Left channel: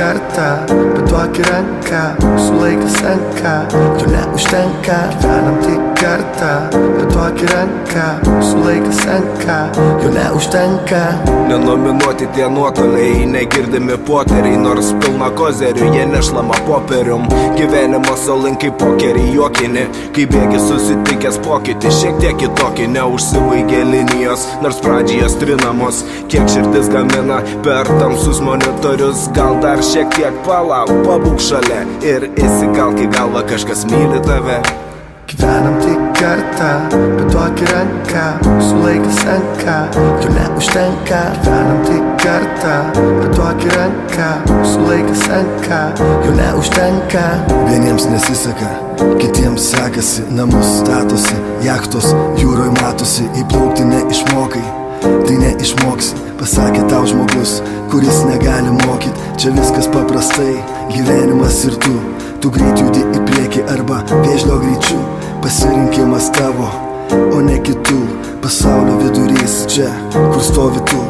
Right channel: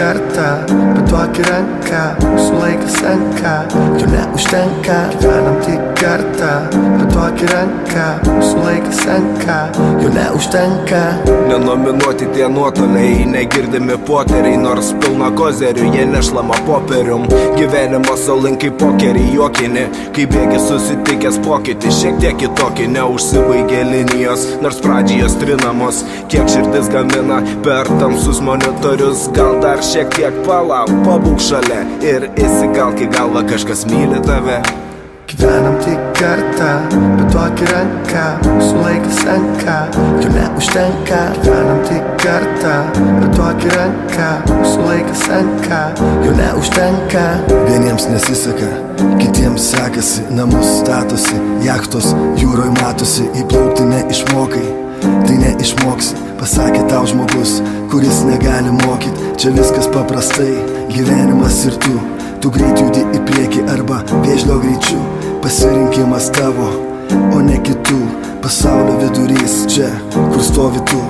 kartą, bet duok ranką, mūsų laikas senka, jo neužtenka. Gyvenam tik kartą, bet duok ranką, mūsų laikas senka, jo neužtenka. Nenominuoti tie nuotoliai, negirdimi poteriai, nors pilna kozerių, jie nešlama popierium. Gyvenimo salinkai pokeriai juokini, kai bėgi susitikęs pokytį, šiek tiek kitokį, neužsibaigė linijos, nors pradžiai jos trinamos. Kiek širdis gamina per tamsus monitorius, gal dar šiek tiek palauk, pabūk šalia ir įsikalk į galvą, kažkas myli tave. Gyvenam tik kartą, bet duok ranką, mūsų laikas senka, jo neužtenka. Gyvenam tik kartą, bet duok ranką, mūsų laikas senka, jo neužtenka. Vieniems nesiseka, kitiems sekasi, namus statosi, jachtos jūroj matosi, įplaukti neišmokai, tai neišmoksi, pasakė tau žmogus, kuris negali mokyt. Čia viskas paprastai, gyvenimas ir tu greit judi į priekį arba vėžlio greičiu. Pasirinkimas tavo, o ne kitų, pasaulio vidurys čia, kur stovi tu.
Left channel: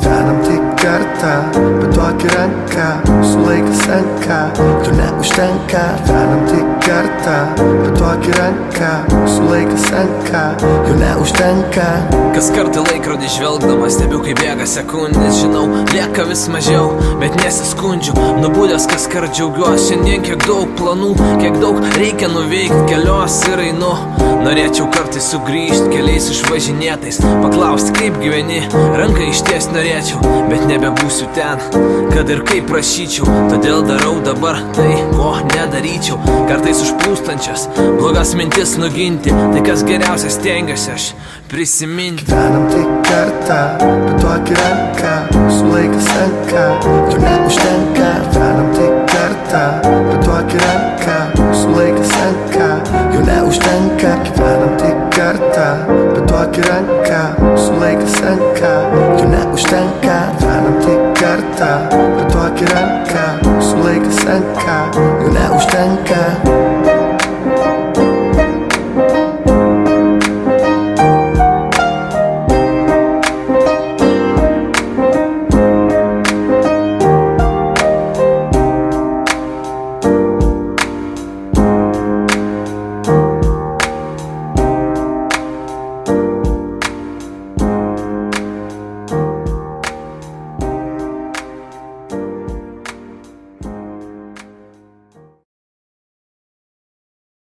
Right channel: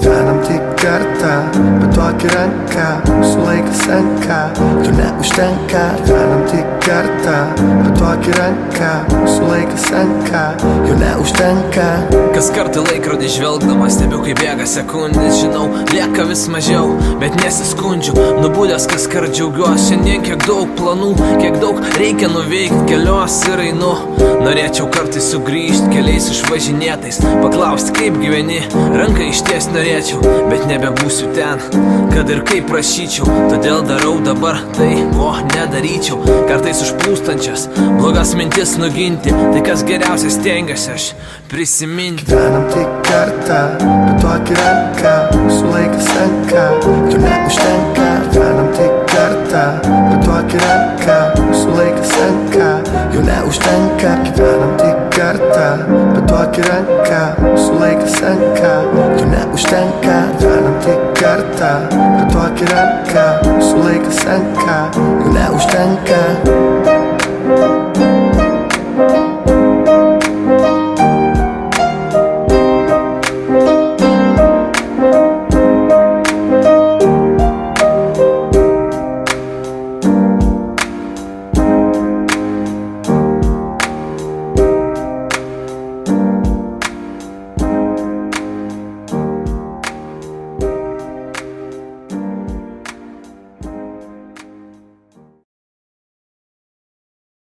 Gyvenam tik kartą, bet duok ranką, mūsų laikas senka, jo neužtenka. Gyvenam tik kartą, bet duok ranką, mūsų laikas senka, jo neužtenka. Kas kartą laikrodį žvelgdamas stebiu, kai bėga sekundės, žinau, lieka vis mažiau, bet nesiskundžiu. Nubudęs kas kart džiaugiuosi, šiandien kiek daug planų, kiek daug reikia nuveikti, kelios ir einu. Norėčiau kartais sugrįžti keliais išvažinėtais, paklausti kaip gyveni, ranką išties norėčiau, bet nebebūsiu ten, kad ir kaip prašyčiau. Todėl darau dabar tai, ko nedaryčiau. Kartais užplūstančias blogas mintis nuginti, tai kas geriausia stengiuosi aš prisiminti. Gyvenam tik kartą, bet duok ranką, mūsų laikas senka, jo neužtenka. Gyvenam tik kartą, bet duok ranką, mūsų laikas senka, jo neužtenka. Gyvenam tik kartą, bet duok ranką, mūsų laikas senka, jo neužtenka. Gyvenam tik kartą, bet duok ranką, mūsų laikas senka, jo neužtenka.